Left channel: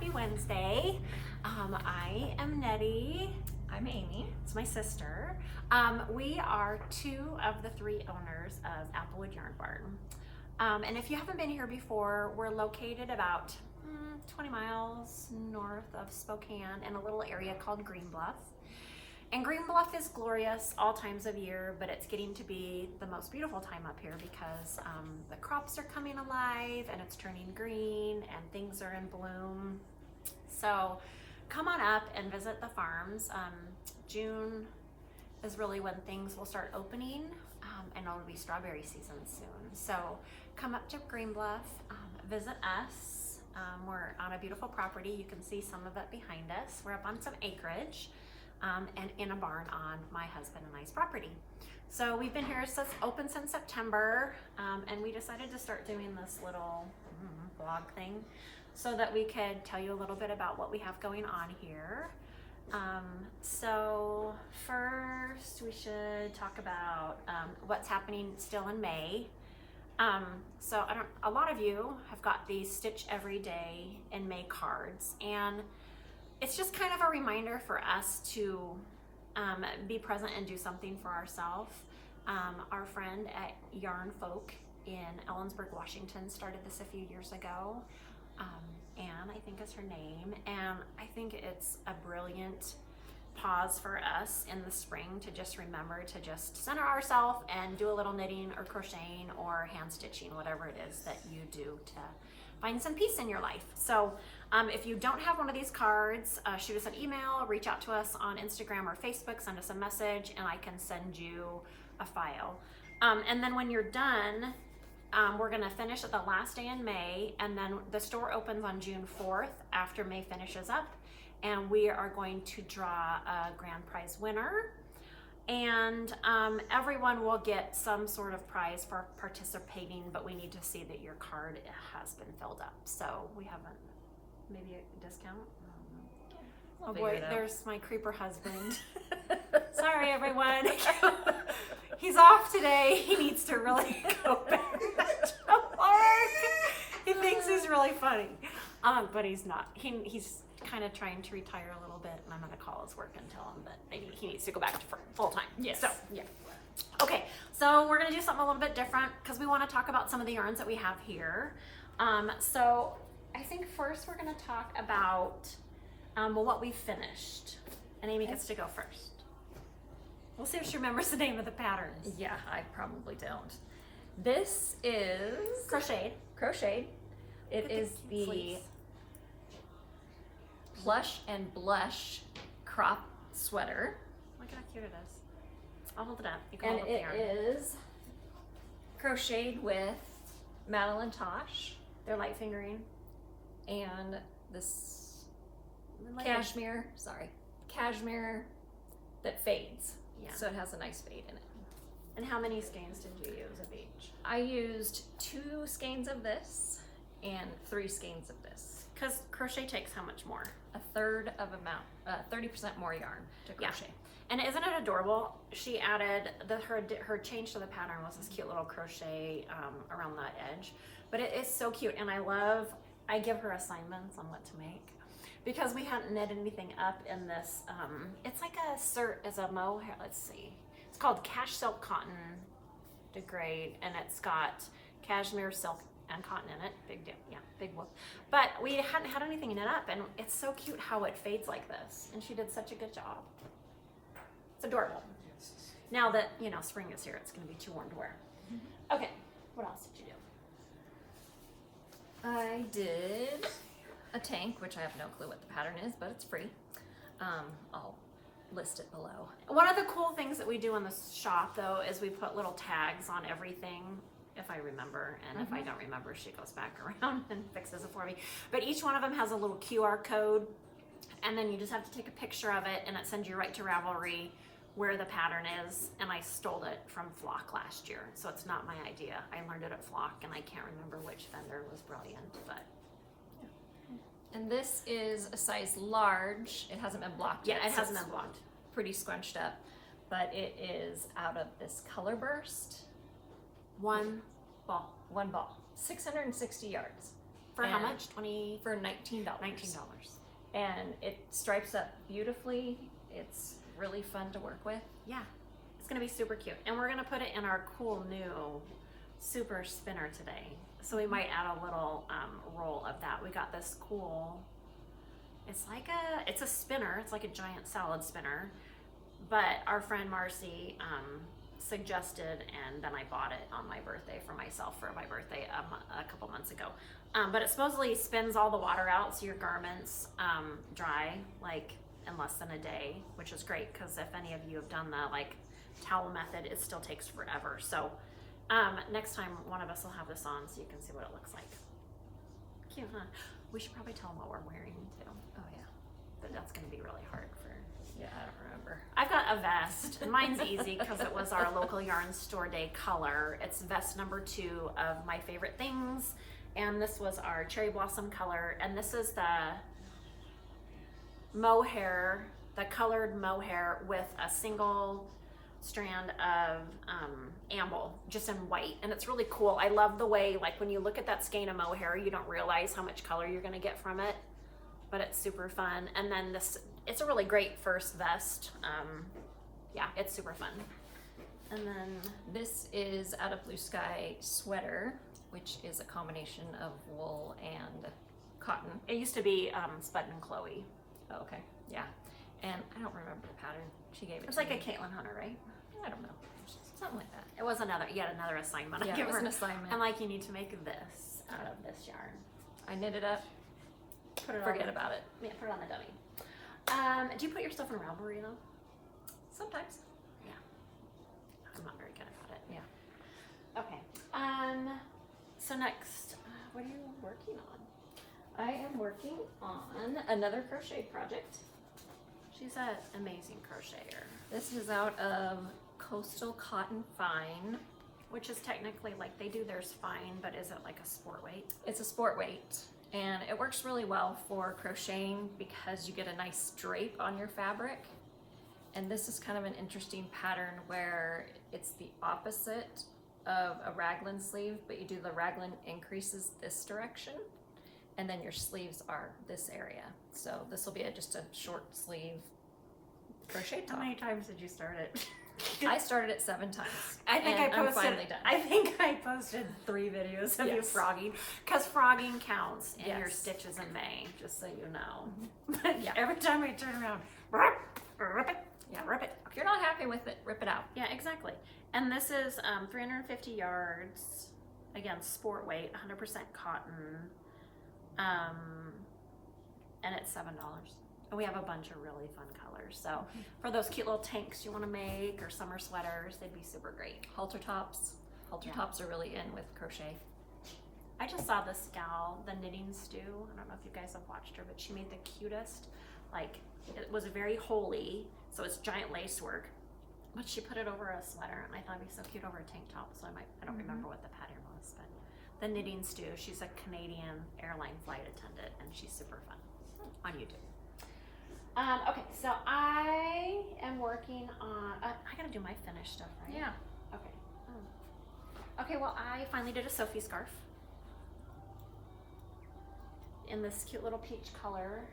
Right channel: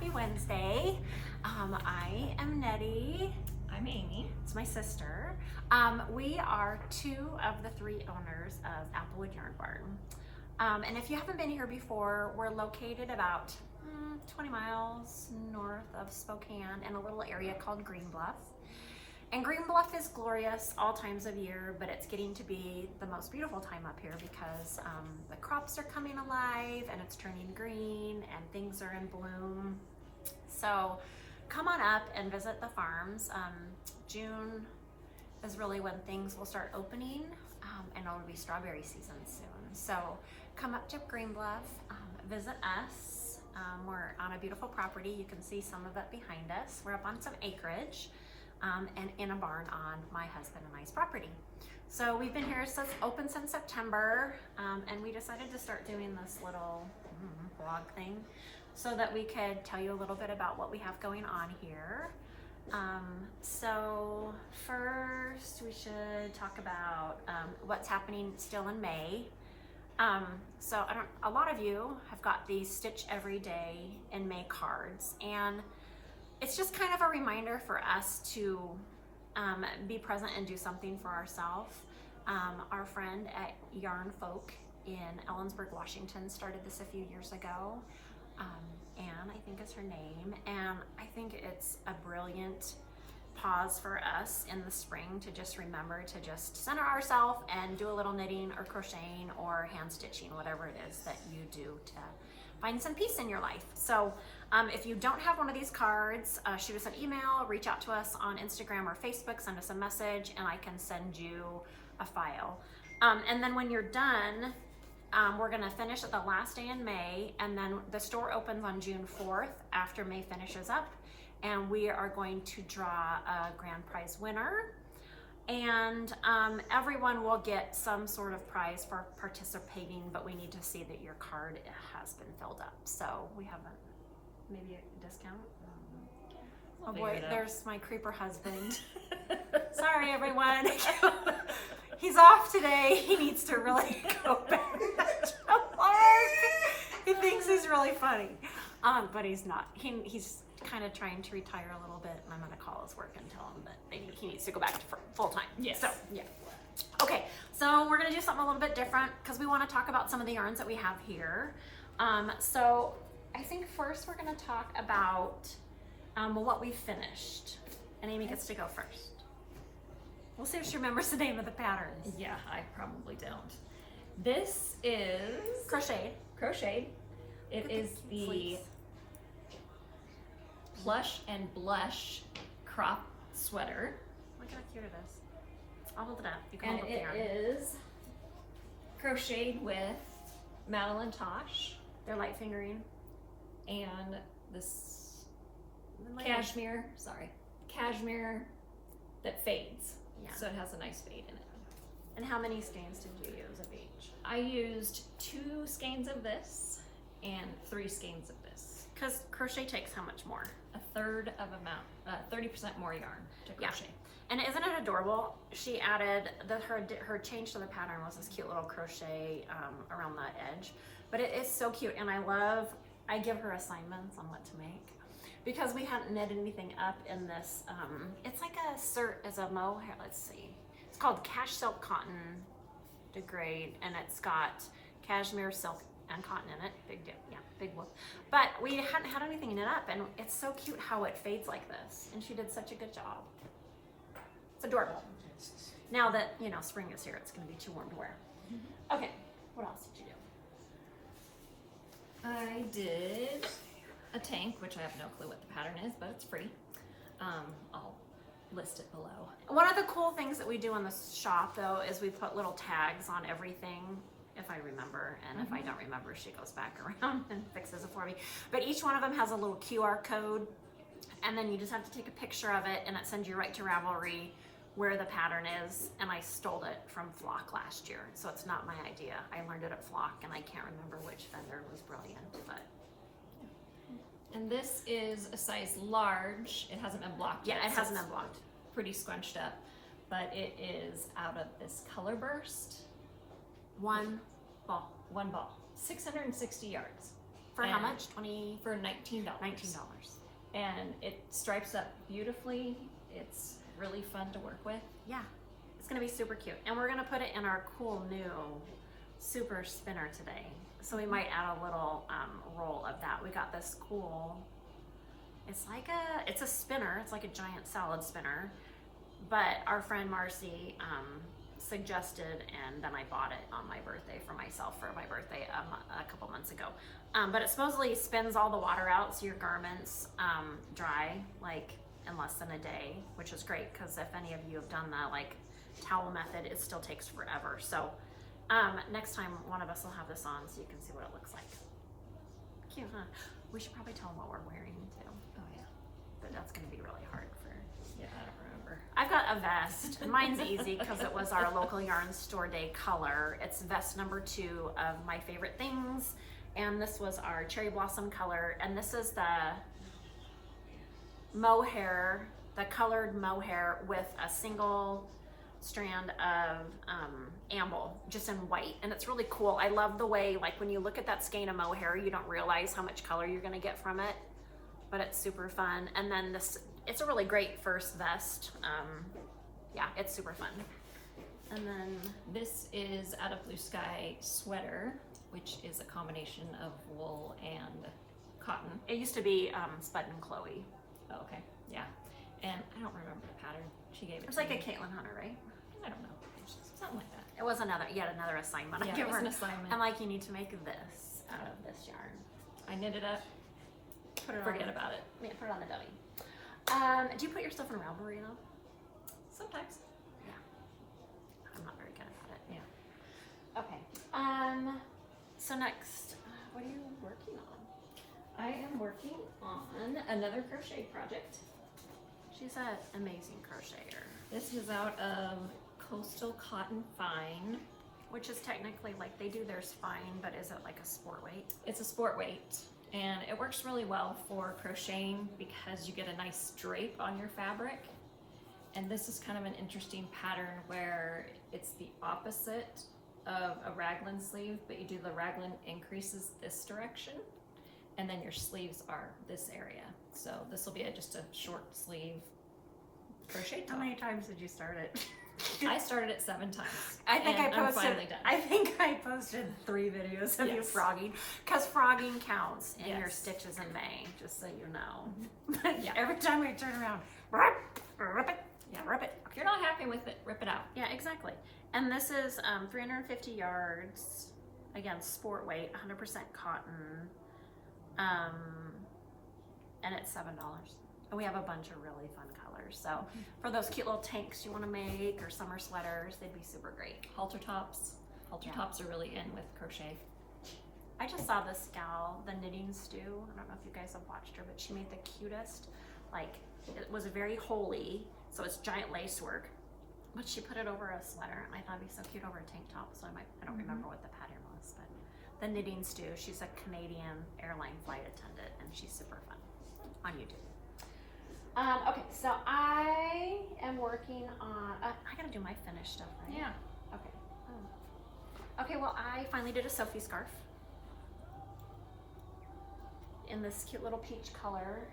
happy Wednesday. I am Nettie. I'm Amy. It's my sister. We are two of the three owners of Applewood Yarn Barn. And if you haven't been here before, we're located about 20 miles north of Spokane in a little area called Green Bluff. And Green Bluff is glorious all times of year, but it's getting to be the most beautiful time up here because the crops are coming alive and it's turning green and things are in bloom. So come on up and visit the farms. June is really when things will start opening, and it'll be strawberry season soon. So come up to Green Bluff, visit us. We're on a beautiful property. You can see some of it behind us. We're up on some acreage. And in a barn on my husband and I's property. So we've been here open since September, and we decided to start doing this little blog thing so that we could tell you a little bit about what we have going on here. So first we should talk about what's happening still in May. So a lot of you have got these Stitch Every Day in May cards, and it's just kind of a reminder for us to be present and do something for ourselves. Our friend at Yarn Folk in Ellensburg, Washington started this a few years ago. Anne, I think is her name. And I think it's a brilliant pause for us in the spring to just remember to just center ourselves and do a little knitting or crocheting or hand stitching, whatever it is that you do to find some peace in your life. So if you don't have one of these cards, shoot us an email, reach out to us on Instagram or Facebook, send us a message, and I can send you a file. And then when you're done, we're gonna finish at the last day in May, and then the store opens on June 4th after May finishes up, and we are going to draw a grand prize winner. And everyone will get some sort of prize for participating, but we need to see that your card has been filled up. So we haven't, maybe a discount? Oh boy, there's my creeper husband. Sorry everyone. He's off today. He needs to really go back to work. He thinks he's really funny, but he's not. He's kind of trying to retire a little bit, and I'm going to call his work and tell him that maybe he needs to go back to full time. Yes. So, yeah. Okay, so we're going to do something a little bit different because we want to talk about some of the yarns that we have here. So I think first we're going to talk about what we finished. And Amy gets to go first. We'll see if she remembers the name of the patterns. Yeah, I probably don't. This is crocheted. It is the fleece. Plush and Blush crop sweater. Look at how cute it is. I'll hold it up. You can And hold up the yarn. it is crocheted with Madeline Tosh They're light fingering. and this cashmere that fades. Yeah. So it has a nice fade in it. And how many skeins did you use of each? I used 2 skeins of this and 3 skeins of this. Because crochet takes how much more? A third of amount, 30% more yarn to crochet. Yeah. And isn't it adorable? She added her change to the pattern was this cute little crochet around that edge, but it is so cute. And I give her assignments on what to make because we hadn't knit anything up in this. It's like a mohair. Let's see. It's called Cashsilk Cotton Degradè, and it's got cashmere, silk, and cotton in it. Big whoop. But we hadn't had anything knit up, and it's so cute how it fades like this. And she did such a good job. It's adorable. Now that, spring is here, it's going to be too warm to wear. Okay, what else did you do? I did a tank, which I have no clue what the pattern is, but it's free. I'll list it below. One of the cool things that we do in the shop, though, is we put little tags on everything, if I remember, and if I don't remember, she goes back around and fixes it for me. But each one of them has a little QR code, and then you just have to take a picture of it, and it sends you right to Ravelry where the pattern is. And I stole it from Flock last year, so it's not my idea. I learned it at Flock, and I can't remember which vendor was brilliant, but And this is a size large. It hasn't been blocked yet. yeah, it so hasn't it's been blocked. pretty scrunched up, but it is out of this Colorburst. One ball One ball, 660 yards. For how much? $19. For $19. And it stripes up beautifully. It's really fun to work with. Yeah, it's gonna be super cute. And we're gonna put it in our cool new super spinner today. So we might add a little roll of that. We got this cool, it's a spinner. It's like a giant salad spinner. But our friend Marcy suggested, and then I bought it on my birthday for myself for my birthday a couple months ago. But it supposedly spins all the water out so your garments dry like in less than a day, which is great because if any of you have done the like towel method, it still takes forever. So next time one of us will have this on so you can see what it looks like. Cute, huh? We should probably tell them what we're wearing too. Oh yeah. But that's gonna be really hard for. Yeah, I don't remember. I've got a vest. Mine's easy because it was our local yarn store day color. It's vest number 2 of my favorite things. And this was our cherry blossom color. And this is the mohair, the colored mohair with a single strand of amble, just in white. And it's really cool. I love the way, like when you look at that skein of mohair, you don't realize how much color you're gonna get from it. But it's super fun. And then this, it's a really great first vest. Yeah, it's super fun. And then this is Out of Blue Sky sweater, which is a combination of wool and cotton. it used to be Spud and Chloe. Oh, okay, yeah. And I don't remember the pattern. She gave it It was to like me. a Caitlin Hunter, right? I don't know. Something like that. It was yet another assignment. Yeah, I give it was her. an assignment. I'm like, you need to make this out of this yarn. I knit it up. Put it Forget on about it. Yeah, put it on the dummy. Do you put your stuff in Ravelry though? Sometimes. Yeah. I'm not very good at it. Yeah. Okay. So next, what are you working on? I am working on another crochet project. She's an amazing crocheter, This is out of Coastal Cotton Fine. which is technically like they do theirs fine, but is it like a sport weight? It's a sport weight, and it works really well for crocheting because you get a nice drape on your fabric. And this is kind of an interesting pattern where it's the opposite of a raglan sleeve, but you do the raglan increases this direction, and then your sleeves are this area. So this will be just a short sleeve crochet How top. many times did you start it? I started it 7 times. I think and I'm I'm finally done. I think I posted 3 videos of you Yes. frogging, because frogging counts in your Yes. stitches in May, just so you know. Yeah. Every time I turn around, rip it, Yeah. rip it. If you're not happy with it, rip it out. Yeah, exactly. And this is 350 yards, again, sport weight, 100% cotton, and it's $7. And we have a bunch of really fun colors. So for those cute little tanks you want to make or summer sweaters, they'd be super great. Halter tops. Halter Yeah. tops are really in with crochet. I just saw this gal, the Knitting Stew. I don't know if you guys have watched her, but she made the cutest, like, it was very holey, so it's giant lace work. But she put it over a sweater, and I thought it'd be so cute over a tank top. So I don't remember what the pattern was, but the Knitting Stew. She's a Canadian airline flight attendant, and she's super fun on YouTube. Okay, so I am working on. I gotta do my finished stuff, right? Yeah. Okay. Oh. Okay. Well, I finally did a Sophie scarf in this cute little peach color.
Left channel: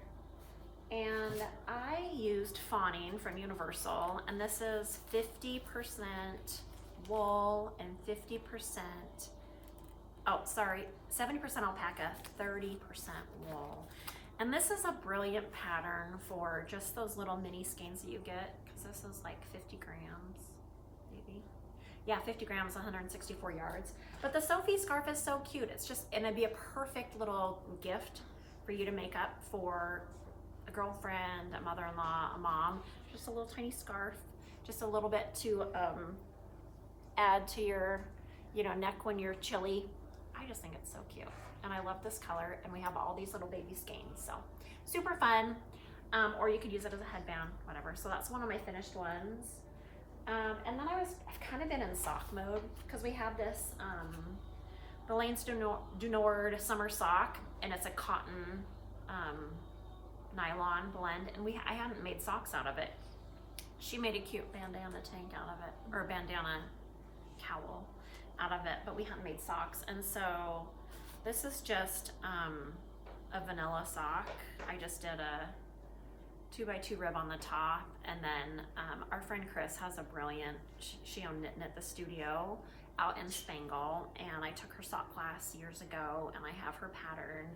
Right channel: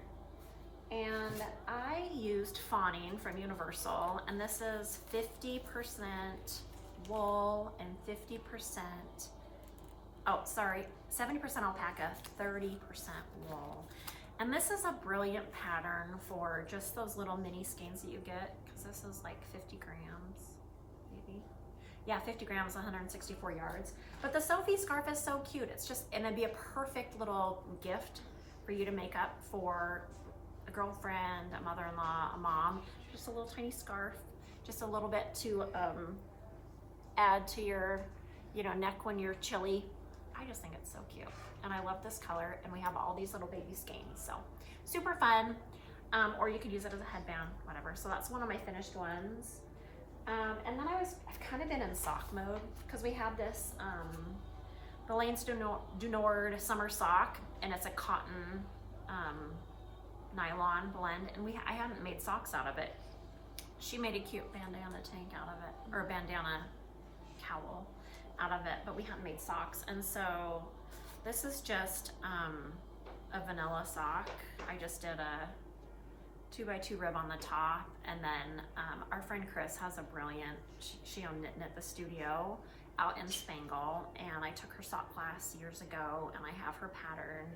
And I used Fawning from Universal, and this is 50% wool and 50%, 70% alpaca, 30% wool. And this is a brilliant pattern for just those little mini skeins that you get, because this is like 50 grams, maybe. Yeah, 50 grams, 164 yards. But the Sophie scarf is so cute. It's just, and it'd be a perfect little gift for you to make up for a girlfriend, a mother-in-law, a mom. Just a little tiny scarf, just a little bit to add to your, neck when you're chilly. I just think it's so cute, and I love this color. And we have all these little baby skeins, so super fun. Or you could use it as a headband, whatever. So that's one of my finished ones. And then I've kind of been in sock mode because we have this the LAINES du Nord summer sock, and it's a cotton nylon blend, and I hadn't made socks out of it. She made a cute bandana tank out of it, or a bandana cowl out of it, but we hadn't made socks. And so This is just a vanilla sock. I just did a 2x2 rib on the top, and then our friend Chris has a brilliant, she owned Knit the Studio out in Spangle, and I took her sock class years ago, and I have her pattern,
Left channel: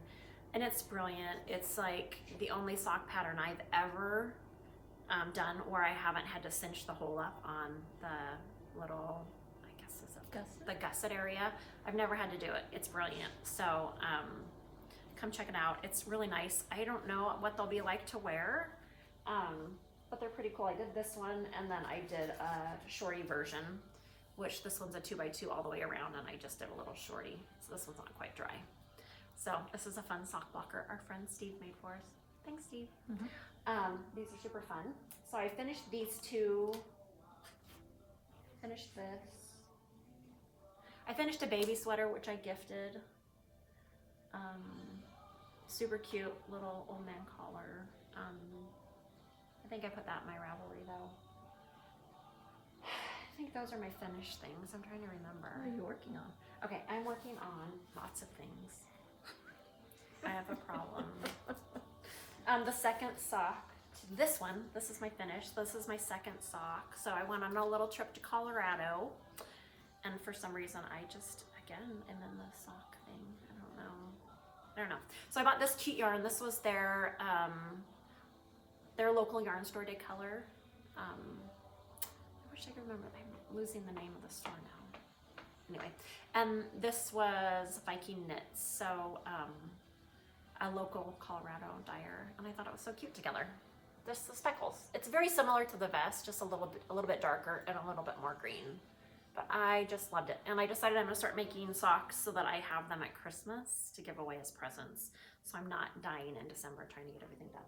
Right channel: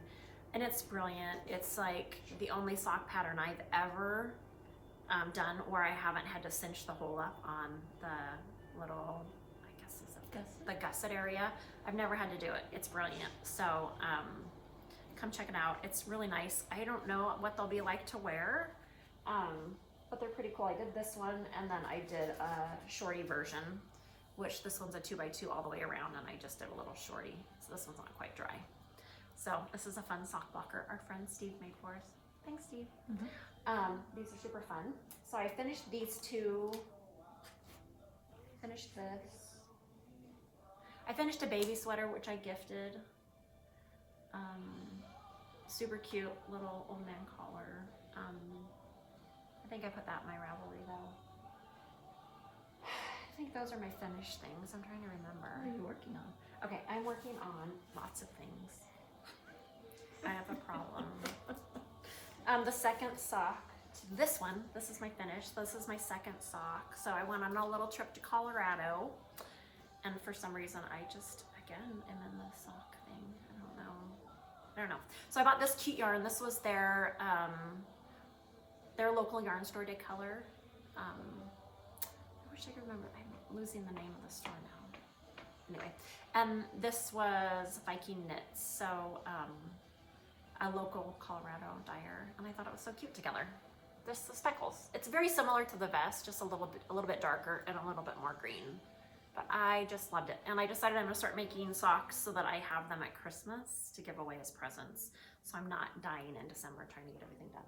and it's brilliant. It's like the only sock pattern I've ever done where I haven't had to cinch the hole up on the little, I guess is it the gusset area. I've never had to do it. It's brilliant. So come check it out. It's really nice. I don't know what they'll be like to wear, but they're pretty cool. I did this one, and then I did a shorty version, which this one's a 2x2 all the way around, and I just did a little shorty. So this one's not quite dry. So this is a fun sock blocker our friend Steve made for us. Thanks, Steve. These are super fun. So I finished these two. Finished this. I finished a baby sweater, which I gifted. Super cute little old man collar. I think I put that in my Ravelry though. I think those are my finished things. I'm trying to remember. What are you working on? Okay, I'm working on lots of things. I have a problem. The second sock, this one, this is my finish. This is my second sock. So I went on a little trip to Colorado, and for some reason I just, again, am in the sock thing. I don't know. So I bought this cute yarn. This was their local yarn store day color. I wish I could remember. I'm losing the name of the store now. Anyway, and this was Viking Knits. So a local Colorado dyer, and I thought it was so cute together. Just the speckles. It's very similar to the vest, just a little bit darker and a little bit more green. But I just loved it, and I decided I'm gonna start making socks so that I have them at Christmas to give away as presents. So I'm not dying in December trying to get everything done.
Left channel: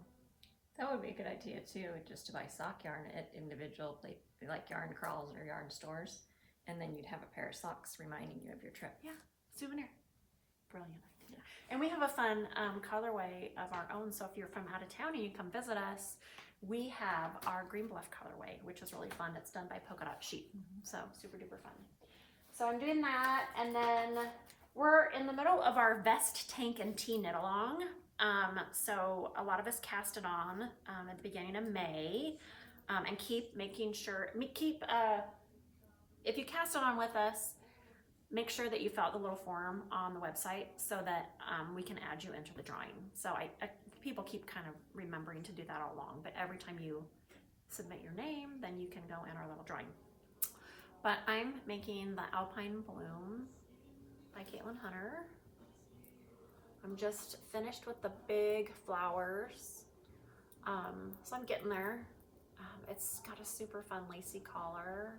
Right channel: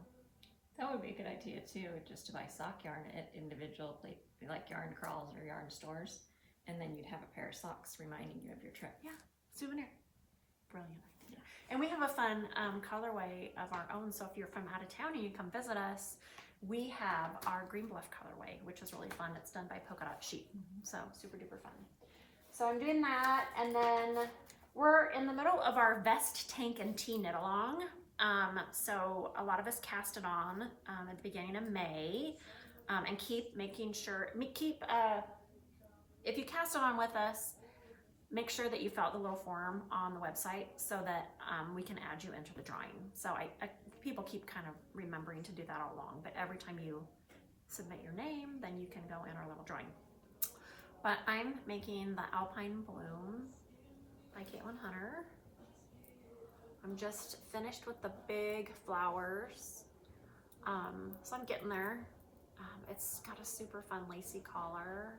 That would be a good idea too, just to buy sock yarn at individual like yarn crawls or yarn stores, and then you'd have a pair of socks reminding you of your trip. Yeah, souvenir. Brilliant. Yeah. And we have a fun colorway of our own. So if you're from out of town and you come visit us, we have our Green Bluff colorway, which is really fun. It's done by Polka Dot Sheep. So super duper fun. So I'm doing that, and then we're in the middle of our vest, tank, and tee knit along. So a lot of us cast it on at the beginning of May, and keep making sure, if you cast it on with us, make sure that you fill out the little form on the website so that we can add you into the drawing. So people keep kind of remembering to do that all along, but every time you submit your name, then you can go in our little drawing. But I'm making the Alpine Bloom by Caitlin Hunter. I'm just finished with the big flowers. So I'm getting there. It's got a super fun lacy collar.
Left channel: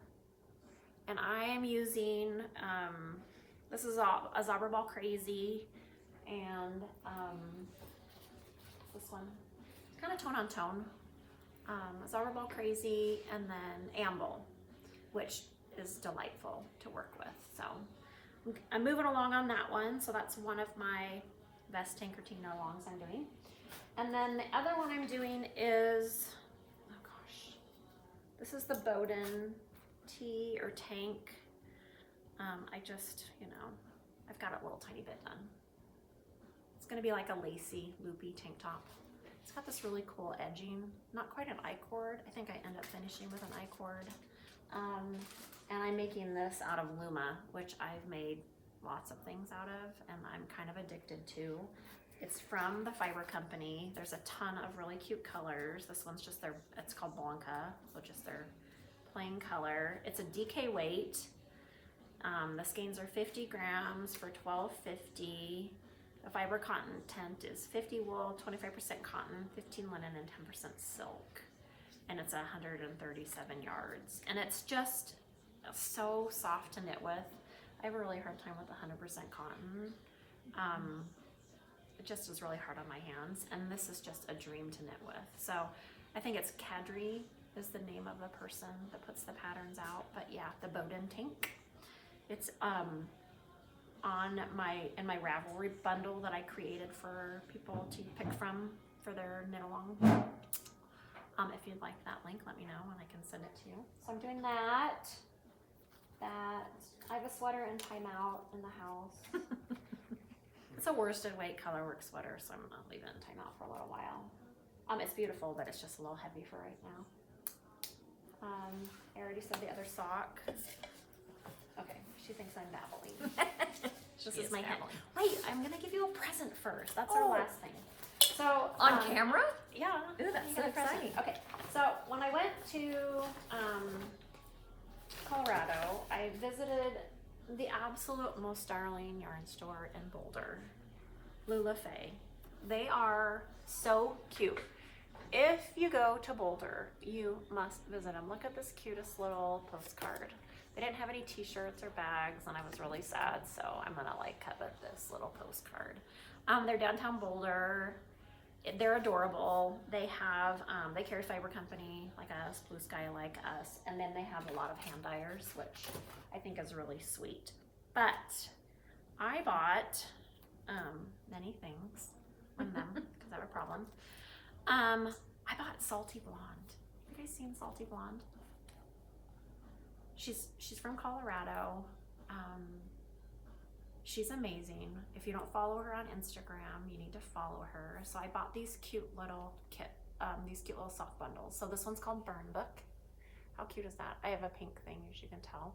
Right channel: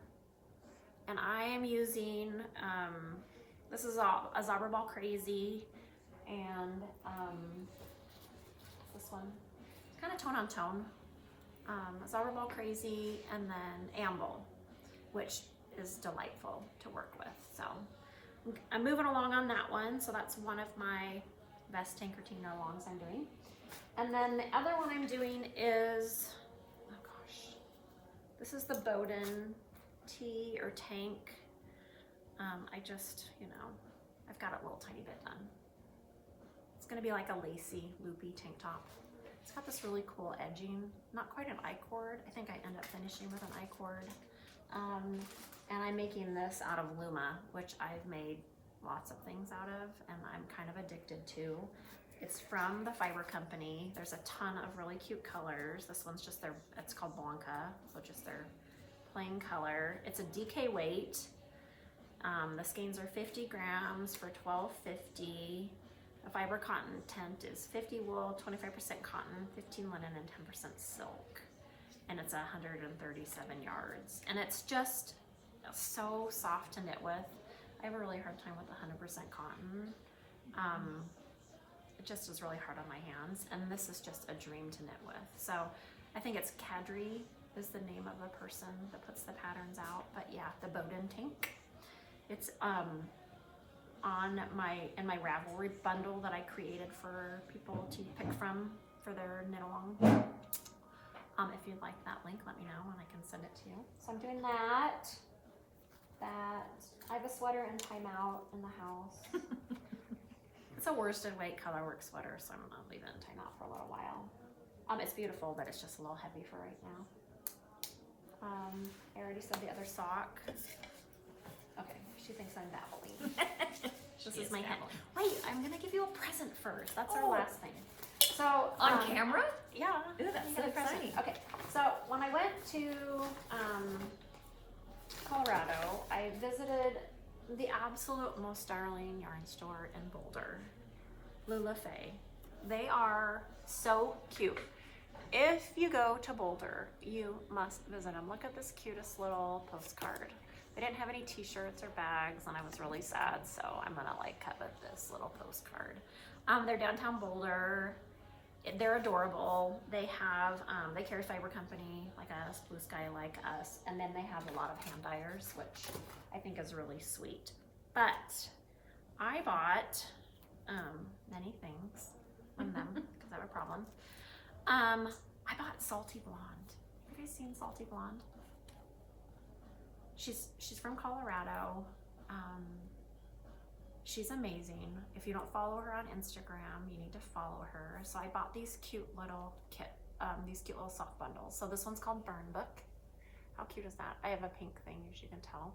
And I am using, this is a Zauberball Crazy, and this one, it's kind of tone on tone. Zauberball Crazy, and then Amble, which is delightful to work with. So I'm moving along on that one. So that's one of my best Tankertina longs I'm doing. And then the other one I'm doing is, oh gosh, this is the Bowden tee or tank. I just, I've got a little tiny bit done. It's gonna be like a lacy, loopy tank top. It's got this really cool edging, not quite an I-cord. I think I end up finishing with an I-cord. And I'm making this out of Luma, which I've made lots of things out of, and I'm kind of addicted to. It's from the Fiber Company. There's a ton of really cute colors. This one's just it's called Blanca, which is their plain color. It's a DK weight. The skeins are 50 grams for $12.50. The fiber content is 50 wool, 25% cotton, 15 linen, and 10% silk. And it's 137 yards. And it's just so soft to knit with. I have a really hard time with 100% cotton. It just is really hard on my hands. And this is just a dream to knit with. So I think it's Kadri is the name of the person that puts the patterns out. But yeah, the Bowden tank. It's in my Ravelry bundle that I created for people to pick from for their knit along. If you'd like that link, let me know and I can send it to you. So I'm doing that. I have a sweater in timeout in the house. It's a worsted weight colorwork sweater, so I'm gonna leave it in timeout for a little while. It's beautiful, but it's just a little heavy for right now. I already said the other sock. Okay, she thinks I'm babbling. This is my hand. Wait, I'm gonna give you a present first. That's our last thing. So on camera? Yeah. Ooh, that's so exciting. Okay, so when I went to Colorado, I visited the absolute most darling yarn store in Boulder, Lula Fay. They are so cute. If you go to Boulder, you must visit them. Look at this cutest little postcard. They didn't have any t-shirts or bags, and I was really sad, so I'm gonna like covet this little postcard. They're downtown Boulder. They're adorable. They have, they carry fiber company like us, Blue Sky like us, and then they have a lot of hand dyers, which I think is really sweet. But I bought many things from them because I have a problem. I bought Salty Blonde. Have you guys seen Salty Blonde? She's from Colorado. She's amazing. If you don't follow her on Instagram, you need to follow her. So I bought these cute little sock bundles. So this one's called Burn Book. How cute is that? I have a pink thing, as you can tell.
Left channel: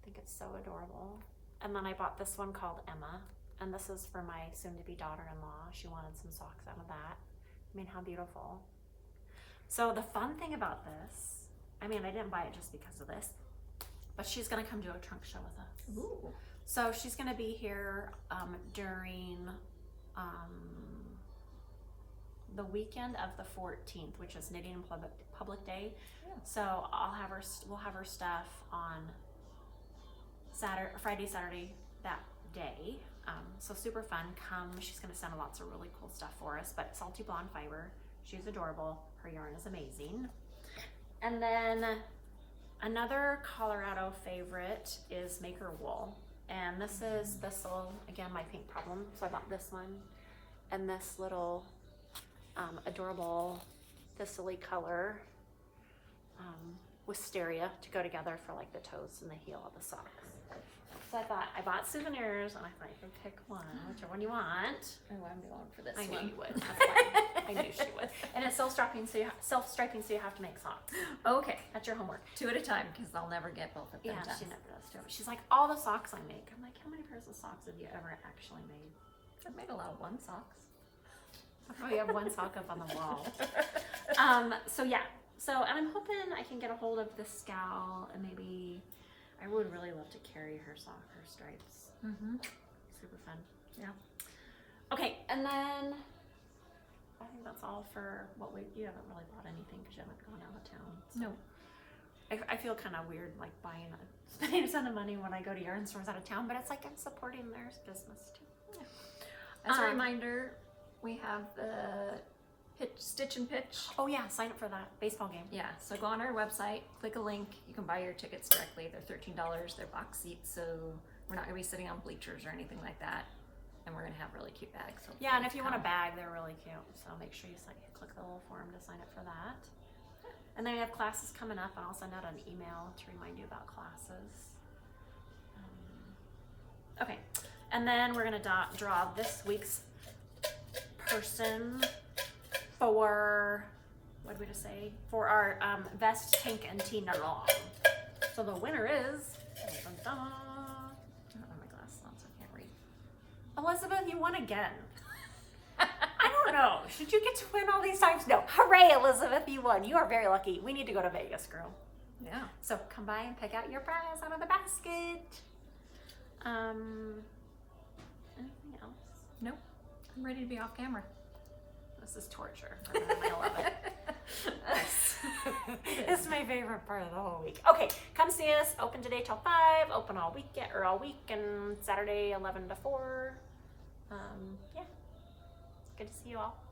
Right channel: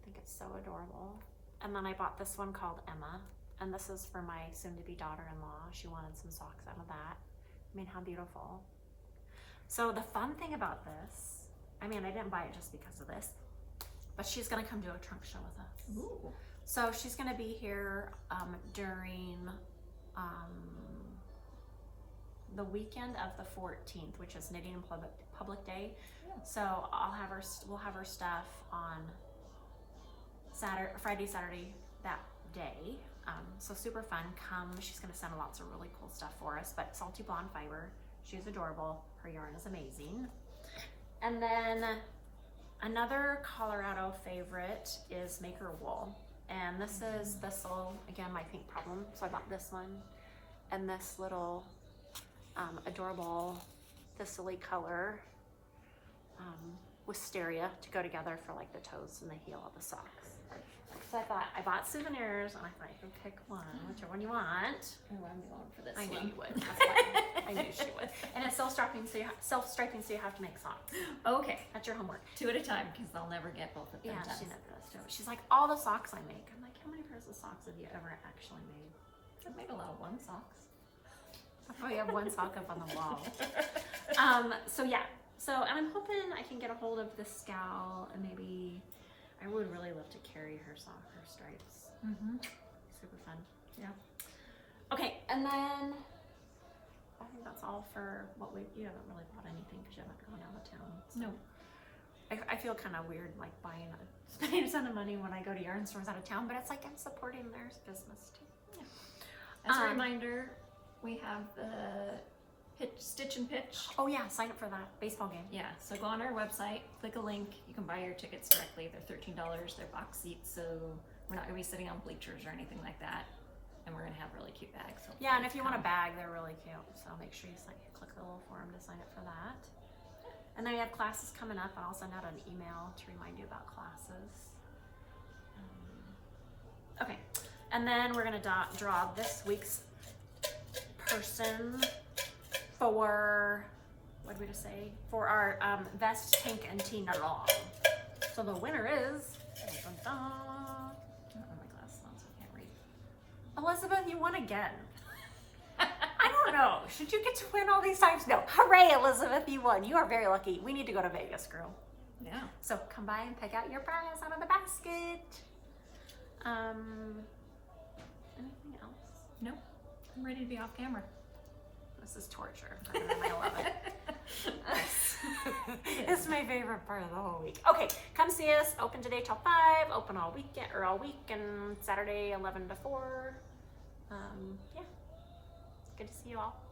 I think it's so adorable. And then I bought this one called Emma, and this is for my soon-to-be daughter-in-law. She wanted some socks out of that. I mean, how beautiful. So the fun thing about this, I mean, I didn't buy it just because of this, but she's gonna come do a trunk show with us. Ooh. So she's gonna be here during the weekend of the 14th, which is Knitting and Public Day. Yeah. So we'll have her stuff on Friday, Saturday that day. So super fun. Come, she's gonna send lots of really cool stuff for us. But Salty Blonde fiber, she's adorable. Her yarn is amazing. And then another Colorado favorite is Maker Wool. And this is again, my pink problem. So I bought this one and this little adorable thistle-y color wisteria to go together for like the toes and the heel of the socks. So I bought souvenirs, and I thought you can pick one, whichever one you want. Oh, I'm going for this I one. knew you would. I knew she would. And it's self-striping, so you have to make socks. Okay, That's your homework. 2 at a time, because I'll never get both of them Yeah, done. she never does do it. She's like, all the socks I make. I'm like, how many pairs of socks have you ever actually made? I've made a lot of one socks. Oh, you have one sock up on the wall. So yeah. And I'm hoping I can get a hold of this gal, and maybe I would really love to carry her stripes. Mm-hmm. Super fun. Yeah. Okay, and then I think that's all for what you haven't really bought anything because you haven't gone out of town. So. No. I feel kind of weird like spending a ton of money when I go to yarn stores out of town, but it's like I'm supporting their business too. Yeah. As a reminder, we have the Stitch and Pitch. Oh yeah, sign up for that baseball game. Yeah, so go on our website, click a link, you can buy your tickets directly. They're $13, they're box seats, so we're not gonna be sitting on bleachers or anything like that. And we're gonna have really cute bags. Yeah, and if you want a bag, they're really cute. So make sure you click the little form to sign up for that. And then we have classes coming up, and I'll send out an email to remind you about classes. Okay, and then we're gonna draw this week's person for, what did we just say? For our Vest, Tank, and Tina Long. So the winner is, I don't have my glasses on, so I can't read. Elizabeth, you won again. I don't know. Should you get to win all these times? No. Hooray, Elizabeth, you won. You are very lucky. We need to go to Vegas, girl. Yeah. So come by and pick out your prize out of the basket. Anything else? No. I'm ready to be off camera. This is torture. I love it. It's my favorite part of the whole week. Okay, come see us. Open today till 5. Open all weekend or all week, and Saturday 11 to 4. Yeah. Good to see you all.